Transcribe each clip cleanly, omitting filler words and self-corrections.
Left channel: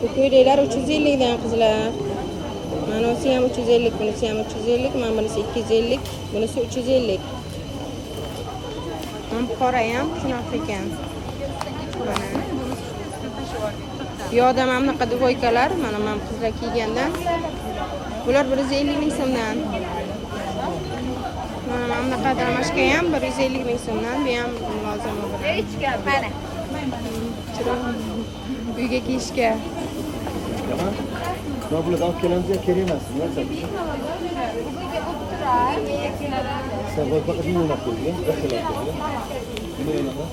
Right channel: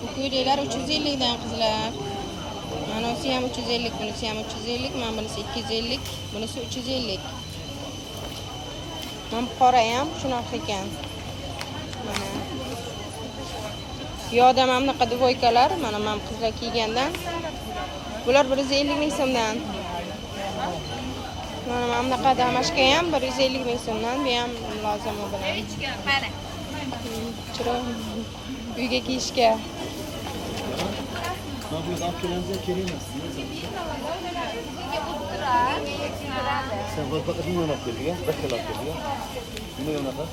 Bu ko'ylaklar 350 dan qizlar. Manasi ham 350, bunisi ham 350, mana bunisi 250, bunisi 350. Ham qora ham shunaqa ekan. Mana. Yo'da mana bunaqa dvoykalar, mana qizlar kiygandan. Bular 150 ming so'mdan. Mana bunaqa damashqa ham 150 ming so'mdan. Bu ham lozim bo'ladi. Mana. Chiroq uyga kiyishga. Ben bunu daha kelamca kelimezsin. Ne yapacağım? Sen bu fakat ne yemek yedin? Kaç yemek yedin? Ne yemek var?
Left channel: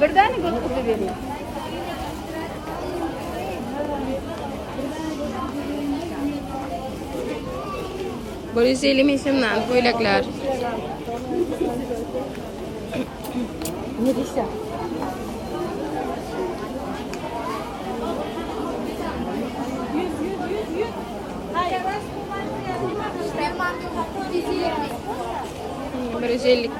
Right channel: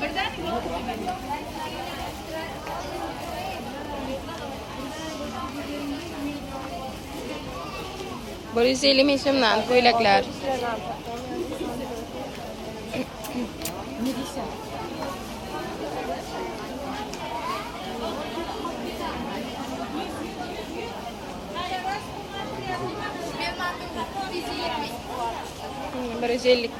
Birden mi? 150 ming so'mdan ko'ylaklar. Ne diyse? Berezelik.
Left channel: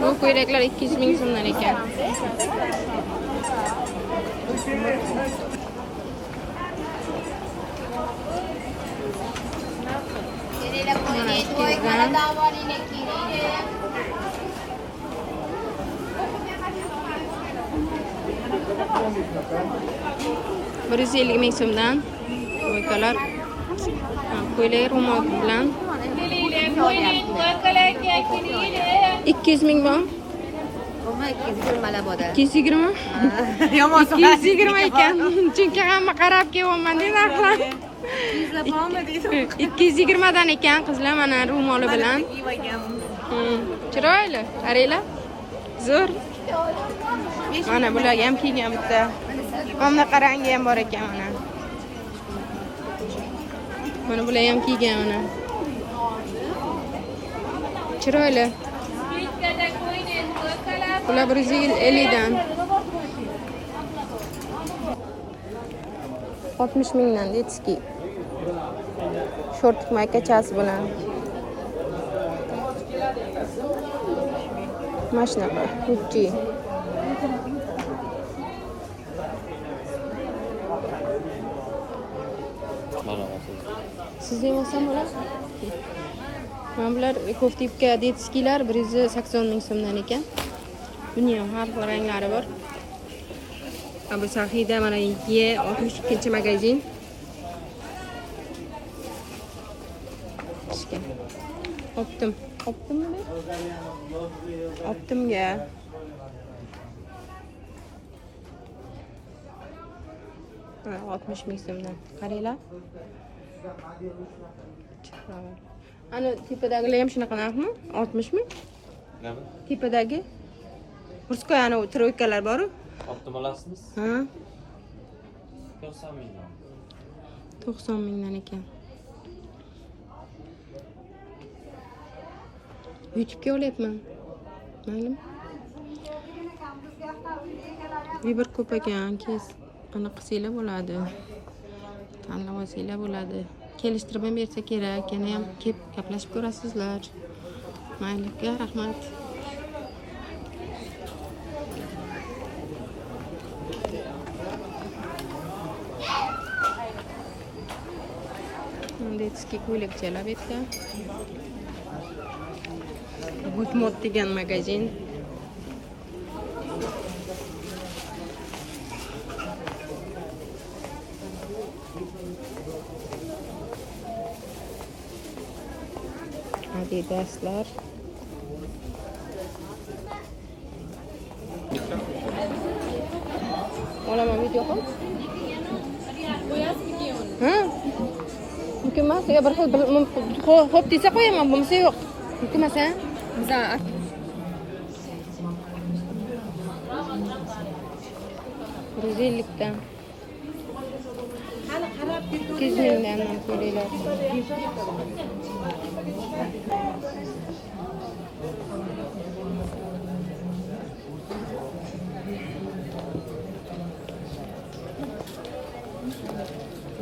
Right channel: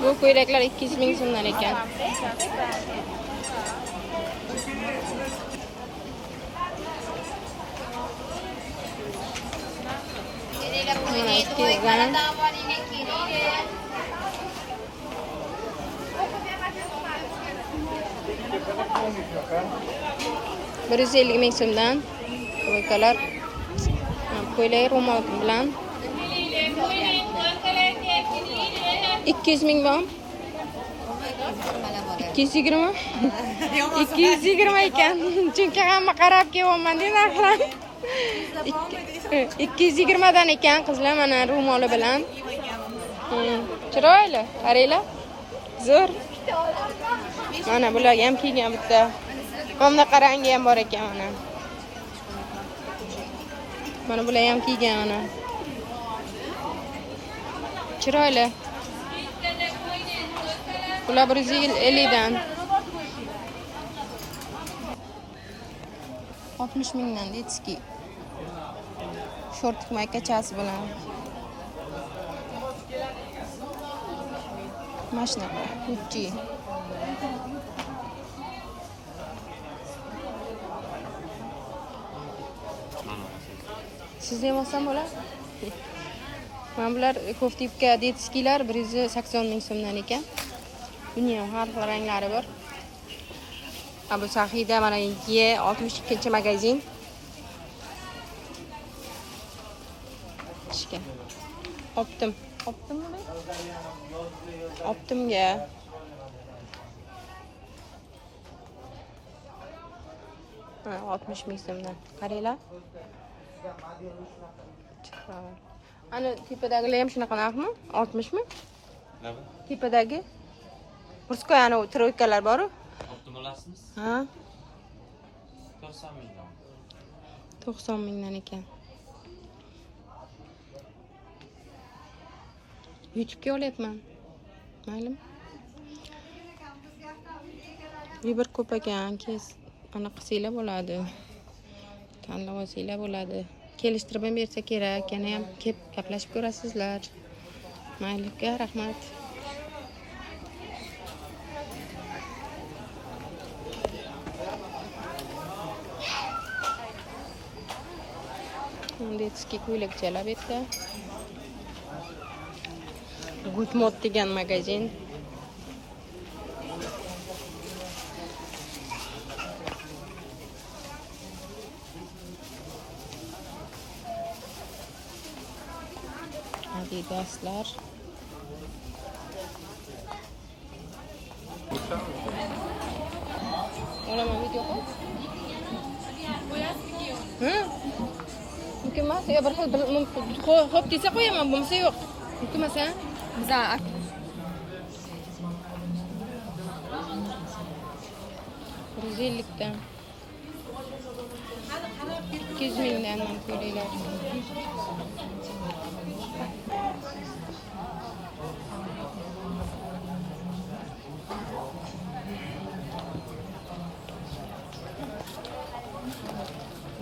Bu ko'ylaklar 200 ming so'mdan ekan. Berezelik ming so'mdan ko'ylaklar. Ko'ylak ro'mol bilan 200 ming bor. 220? 220 ekan. Chunki hamma qarab kelyapman narxlar. 220 dan ekan qizlar mana ro'moli bilan. Chiroyli, qaranglar. Zo'r. Mana bularga ham kiygan bitta. Mana qarangi ham bor ekan mana. Mana bular ham kiygan mana. Chiroyli. Bular 150 dan. 60 mingdan detski. Short maykachasi bilan. Mashinaqa, Gucci. Sizda ham olsam bo'ladi? Mana bular koftipka detskilar 180 ming so'mdan ekan. Buni ham har bir ranglari bor. Bu Sahida mana Y62-magazin. Optimmi? Optimga. Ha, 60 ming so'mdan. Qaranglar. Ana tepadagi ham shunaqa narxmi? 60 mi? Nima? Tepadagi. Burskoy ana troykalar bor-ku. Optim olasizmi? Ha, 90 mingdan. 90 mingdan ekan. YouTube'ga olyapman. Maylimi? Bir ko'p ekan, keyin ana qilsanglar bo'ladi. Tanlab olsanglar bo'ladi. Kelishtirib ham bersa kerak, yana ham kelib gaplashib ko'rasizlar. Mayliga rahmat. Detskiy ko'ylakchalar bitta. Gutmod degan magazin. Adidaslar. Olaman video qil. Mumkin emas, yo bir xil xo'p desa qo'yaman, bo'lmasa yo'q. Mumkin emas, ha? Biza Brazillikdan. 200 mingdan ko'ringlar.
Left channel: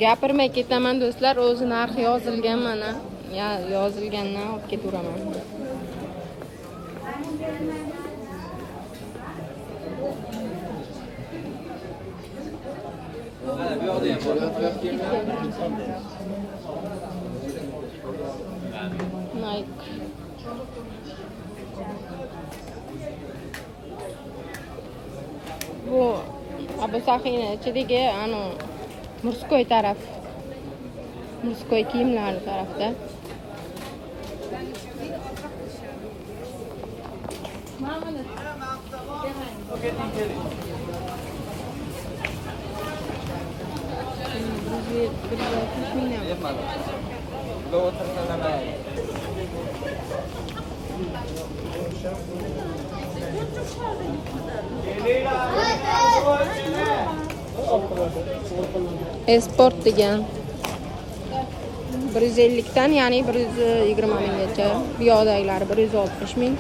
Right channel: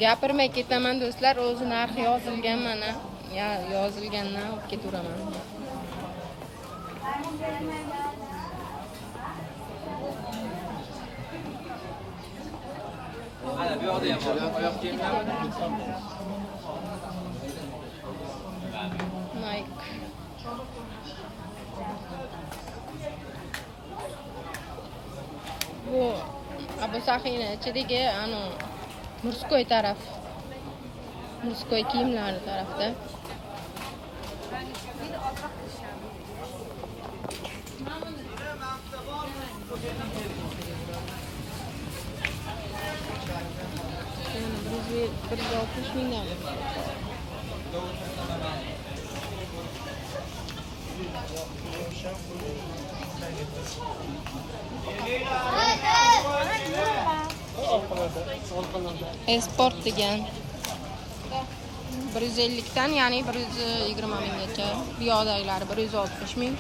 Gapirmay ketaman do'stlar, o'zi narxi yozilgan mana. yozilgandan olib ketaveraman. Nike. Bu Abu Sahiyni ichidagi murskoy taraf. Murskoy kiyimlari tarafda. Bir 60 mingdan. Esport degan 150 dan, ya'ni 120 minggacha. Piyodagilar 160 ming.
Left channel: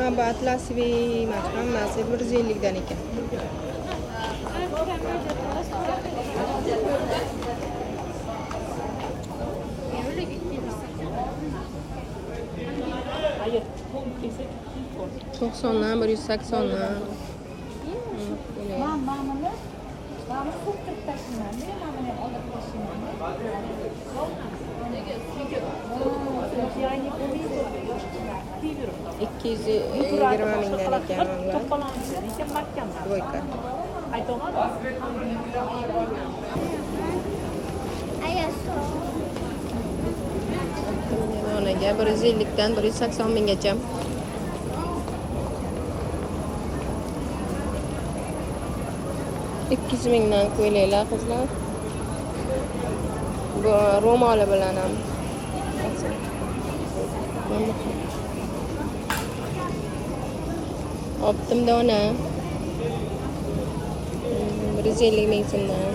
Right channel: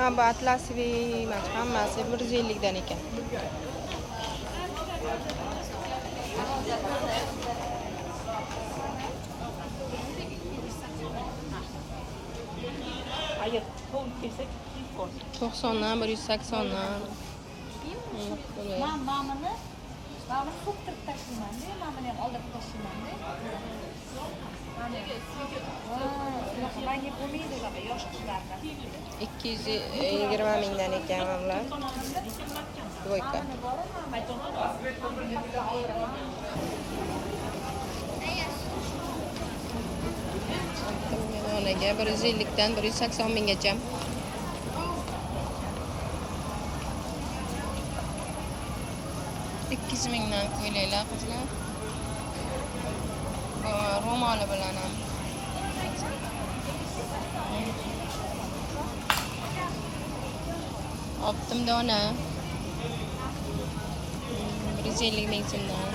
Ha, bu atlasviy emas, hammasi 150 dan ekan. To'qsondan 180dan. Mamani qo'yib tashlayman-da, mamani ham olib tashlayman-da. Yangi bo'lmaydi, yosh qizlar. 220 mingdan ekan ular. Dvoyka. Onaga 150 dan 180 minggacha. Ikkiz mingdan ko'ylaklar qizlar. Bu ro'moli bilan ham. Optim dona. 150 ming so'mdan.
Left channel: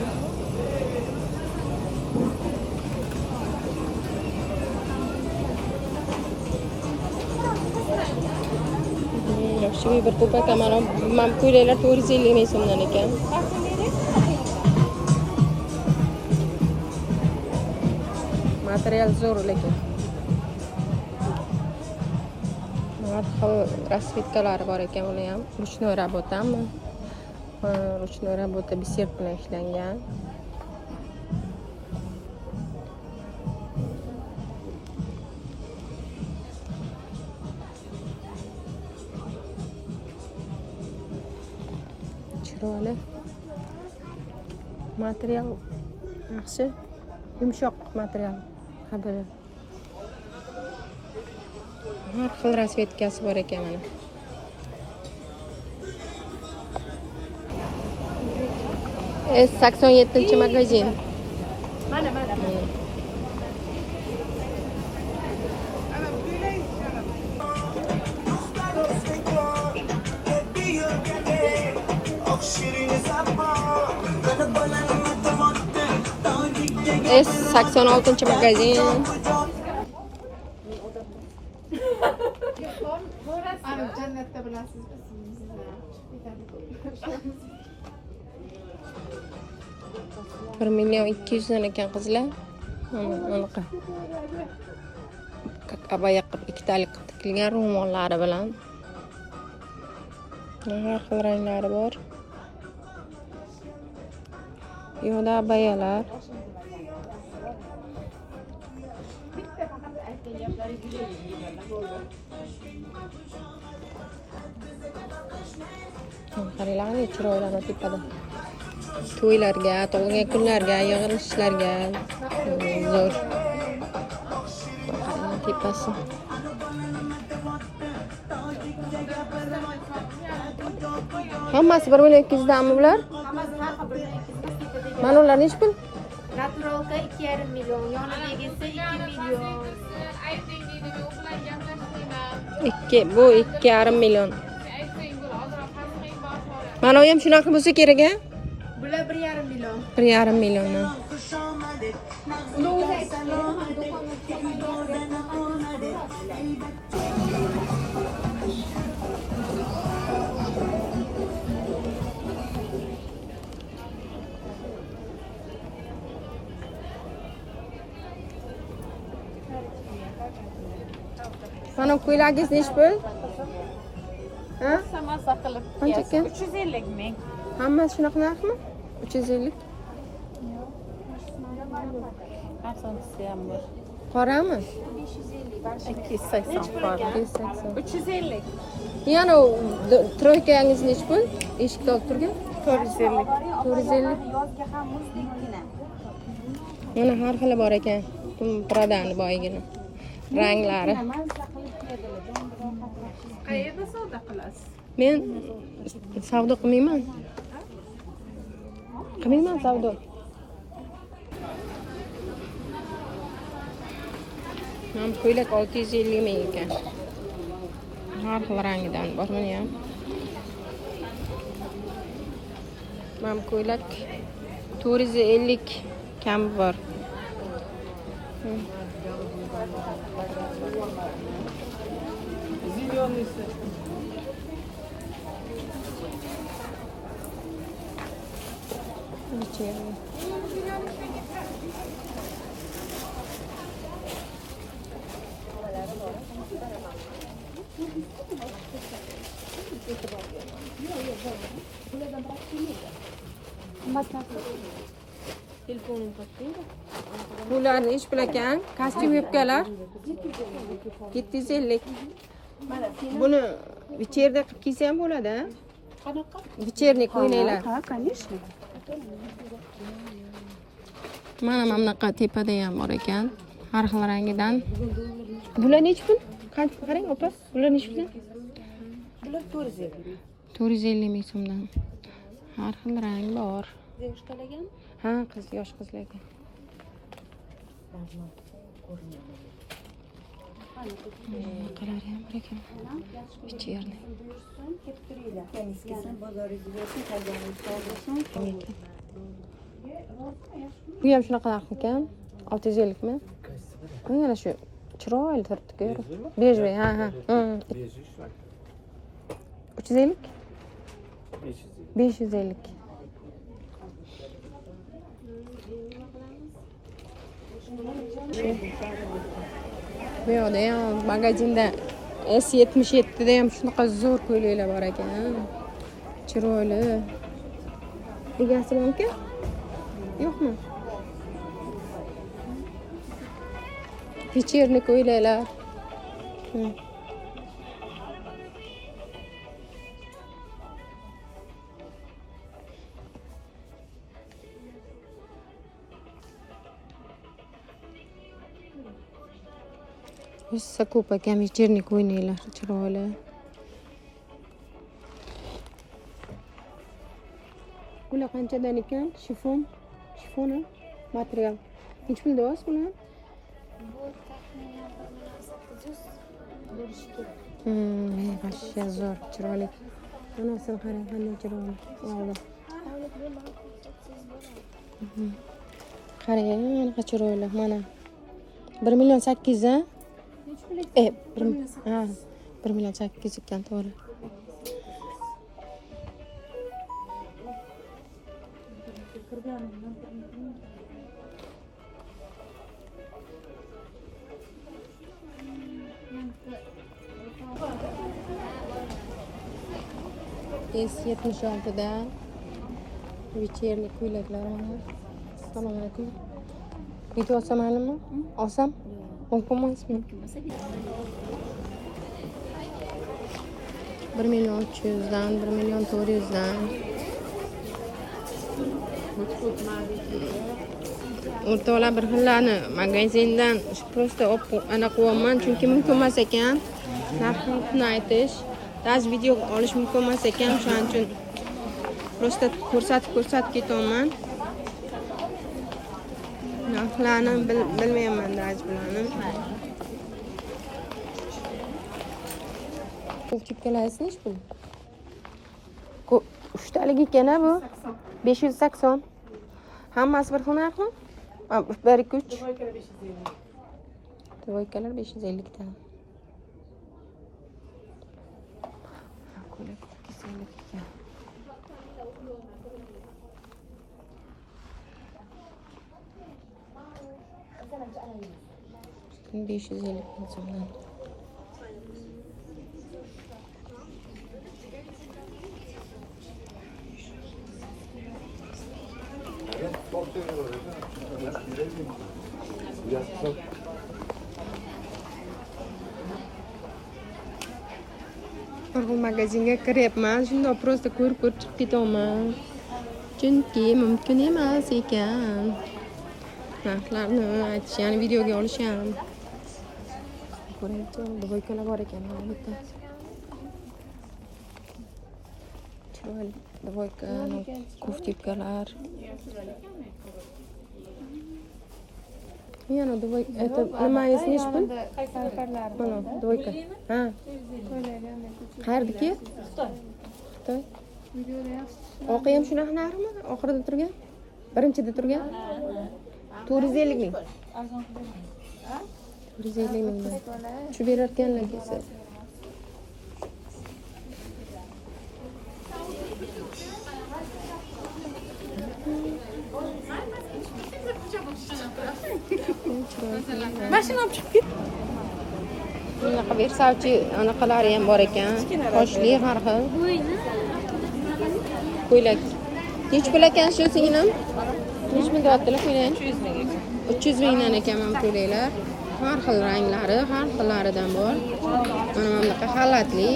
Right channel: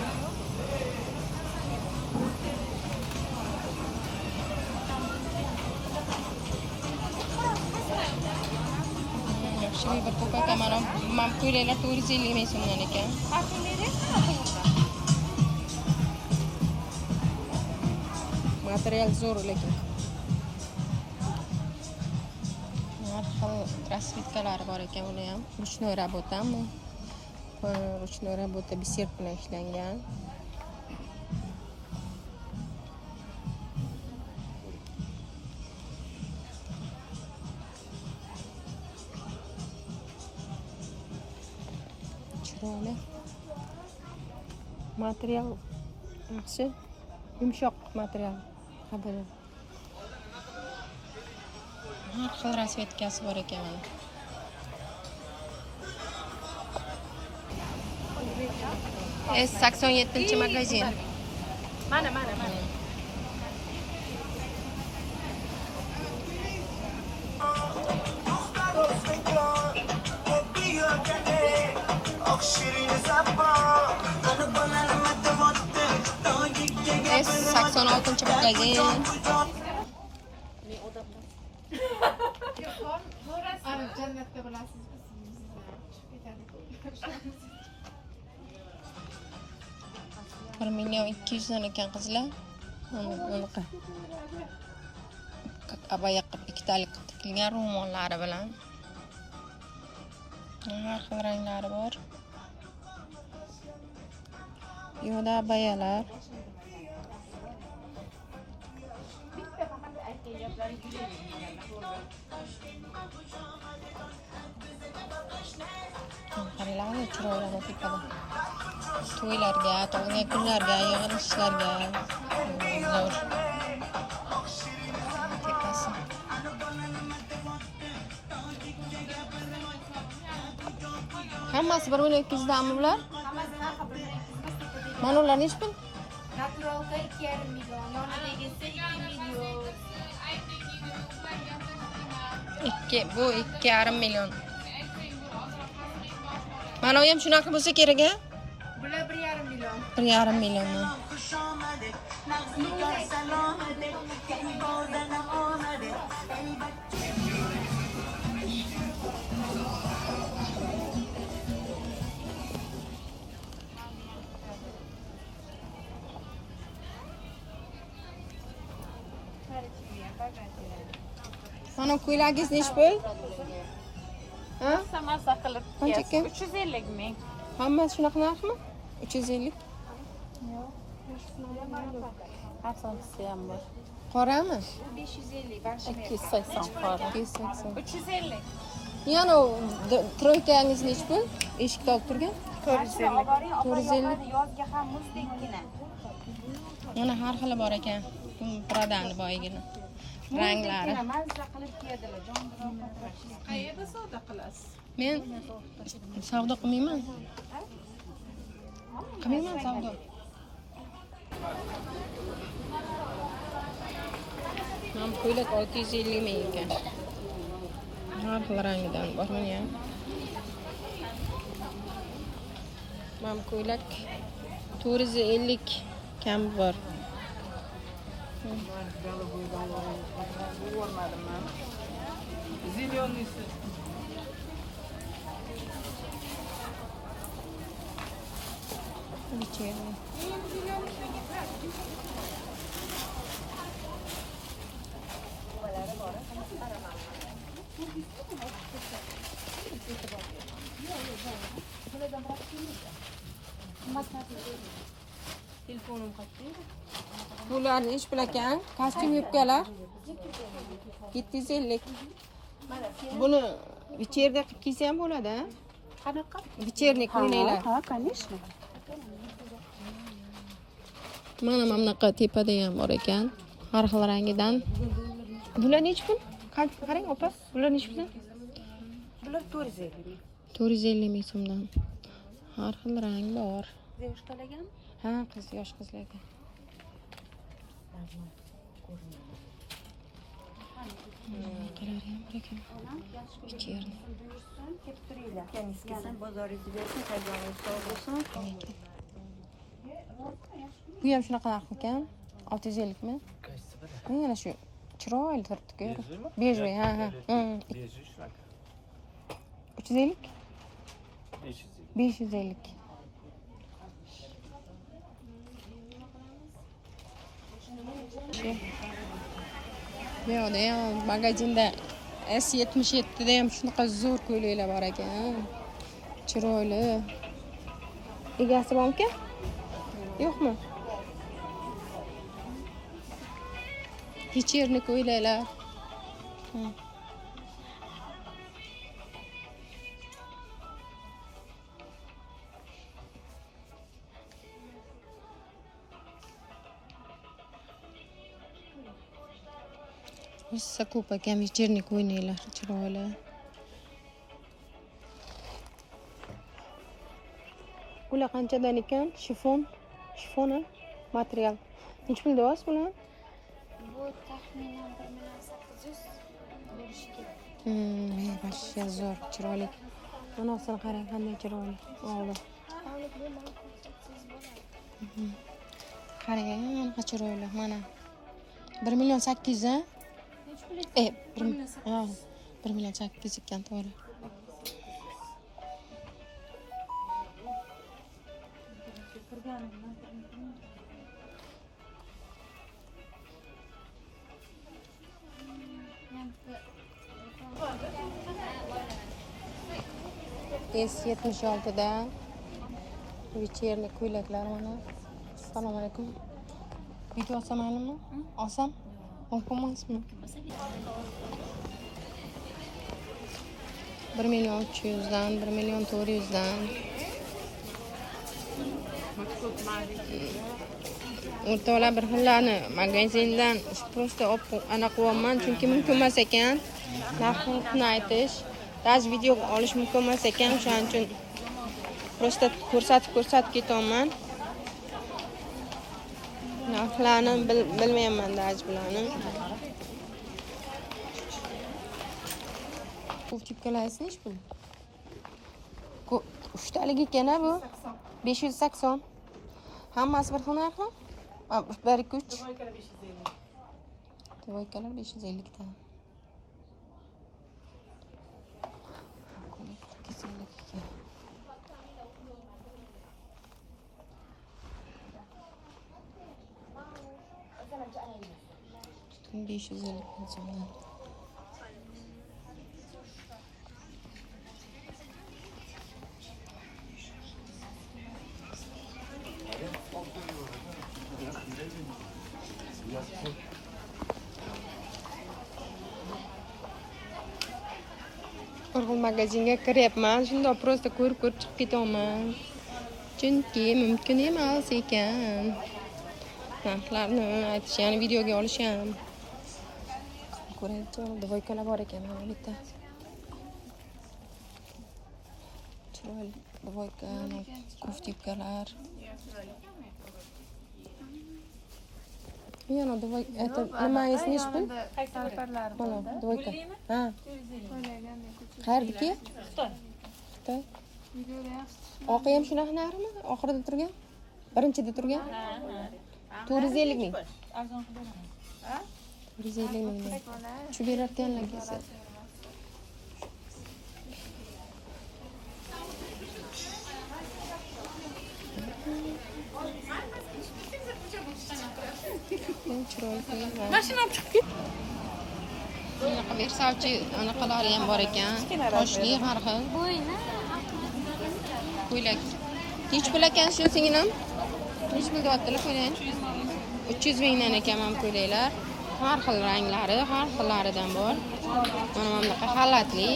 Yaxshi bir to'pak mana ko'ylaklar 450 ming so'mdan ekan. Material zo'r lekin. Har xil rasvetkalari bor ekan, buni ham ruchnoy rabotami? Ruchnoy rabota biser bilan ishlangan. Chiroyli. Material yaxshi, yumshoq material. Qabul. Har xil rasvetkasi bor ekan mana. S87-magazin. Mana. S86-magazin. Jannatda bilasizmi sizni? 1 million 200 dan ekan qizlar. Anaqa. Abaya qilib ikkitalik qilib tikilgan ro'mollari bilan. Har xil ranglari bor. Yo'da abayalar. Qaranglar, chiroyli tepada. To'ylarga, tug'ilgan kunlarga, yig'ilishlarga zo'r. Tepasi. Hammasi 1 million 200 danmi bular? Mana ular nech pul? Naturalda 2,5 milyon. Yoniga kelsa 2 milyon. Bu 2,5 million. Mana bu ham shunaqa bo'lsa kerak a? Bular 1,5 milyon. 1,5 million. Mana ko'ylagingiz nechi pul? Ha? Samasa qilib. Qancha ekan? 350 ming. Hammasi shunaqa narxmi? 350. Arsonchisi ham bor. Qorami? 280 bor. 280. 350. Yana troykangiz nechi pul? Eshikda olib turgan? 450. 450. Yozga ham muzdekgina. Mana har xili bor ekan. Pradani boygina. Ranglari. Qayerda savdo qilasiz? Men savdo qilmayman. Qilmayman savdo. Men ko'ylak 650 ming ekan. Har xil rangidan bor buni ham. Men ko'ylak 450 kam bor. Telefonim qattiq. Bularni ish bilakan, kostyum yubkalar 750. Buni вечерda qilib kiysa ham bo'ladi, a? Qanaqa? Вечерник o'ynaylar. Ha, конечно. Mana bunaqa tepada ham bor ekan, har xil rangidan. Bular nechi pul? Qancha qarang, opa? Bular nechi pul? Bular 450. 450 ming so'mdan. Har xil rang bor. Devuşkalagan? Ha, qiz, yosh qizlarga. Qarar ham bor ekan. Вечерник. Bu ham shunaqa narx ekan. 650 mi? Mana shu chiroyli turibdi-ku. Bejli, ha. 350? 550. Bu yoqda ham magazinda S77 da ham shunaqa zo'r ko'ylaklar bor ekan. Chiroyli. Egasi bormi? Yo'qmi? Вечерник ko'ylaklar. Hissa ko'p ekan вечерник o'ynaylar, chiroyli. Bular qanchadan ekan? Shifon material. Necha pul deyapsiz bular? Bu taxminan 1800 bo'lishi kerak. Вообще zo'r, chiroyli. Onasini qarang, qanday chiroyli. Oldi. Qarang, qanaqa chiroyli. Mana 1 million 800 ha? 1 million 800 ekan, to'g'ri. S76dan вечерник ko'ylaklar mana. Assalomu alaykum. Video olsam maylimi? Olsam? Mumkin emasmi? 1 million 300 dan, 1 million 400 dan. O'rtoqlar bir xillarni magazindan просто ana qilyapman, chunki mumkin emas ekan. Narxni aytish, ba'zi video olish mumkin emas ekan, shuning uchun просто ko'rsatib ketyapman. narxlarni bilmayman daj bularni. Ko'pchikkalasi nech pul? Uchtaligi ekan bu. 580. Hammasi bir xil narxmi? 1 2 3. Dvoykalar 550 ta. Ko'ylak 250 ekan. Tutun 550 so'mdan. Bir xil magazinga kiryapman, shunda просто ko'rib chiqib ketaman. Chunki mumkin emas ekan. Narxlarni aytish, ya'ni videoga olish ham. Ko'raylik, dvoykalar bor ekan mana bitta. Chiroyli dvoyka, koftipkalar. Yana dvoyka, это nimangiz nech pul? Qaysi parlari? Mana dvoyka. Ha. Qayerdaki? Xitoy. Videoda yaxshi. Oqi ham shunaqa narxmi? Oxirida turgan? Birinchida turgan? 450 ming. 450 ming. Shu berarkanlar kelsa. Mashina olib chiqib ket. Bunaqa Versace anaqalari ham bor ekan. Toshli har xil. Ko'ylak. Nech pul ekan shu singlim? Nech pul deyaptilar ko'ylak? 300 mingdan ekan ham ko'ylaklar. Har xil ranglari, har xillaridan bor. Mana bunaqa xalatli.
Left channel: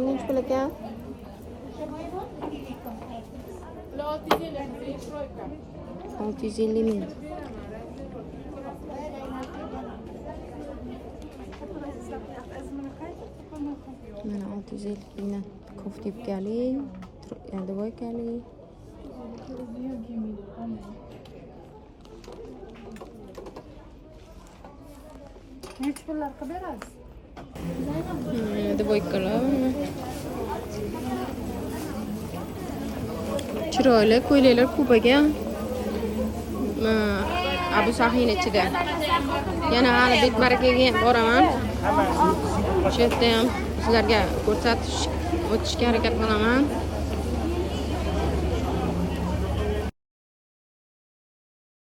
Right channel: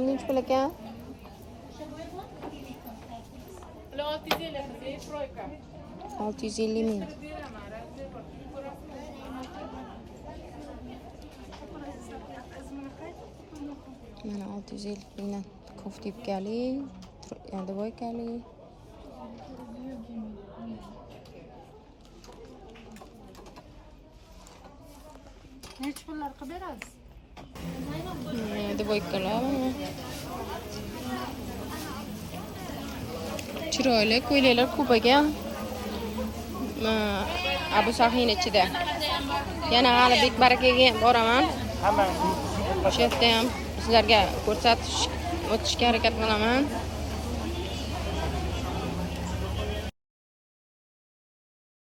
Nech pul ekan? 650 ming. Mana 650 mingdan koftipkali, dvoykali. Nech pullar qilib berasiz? Mana dvoykalar. Chiroyli ko'ylaklar ko'p ekan. Abu Sahin ichida. Yana hali Bek Barakaga ham boraman. O'sha yerda ham sizlarga ko'rsatish o'tishga harakat qilaman.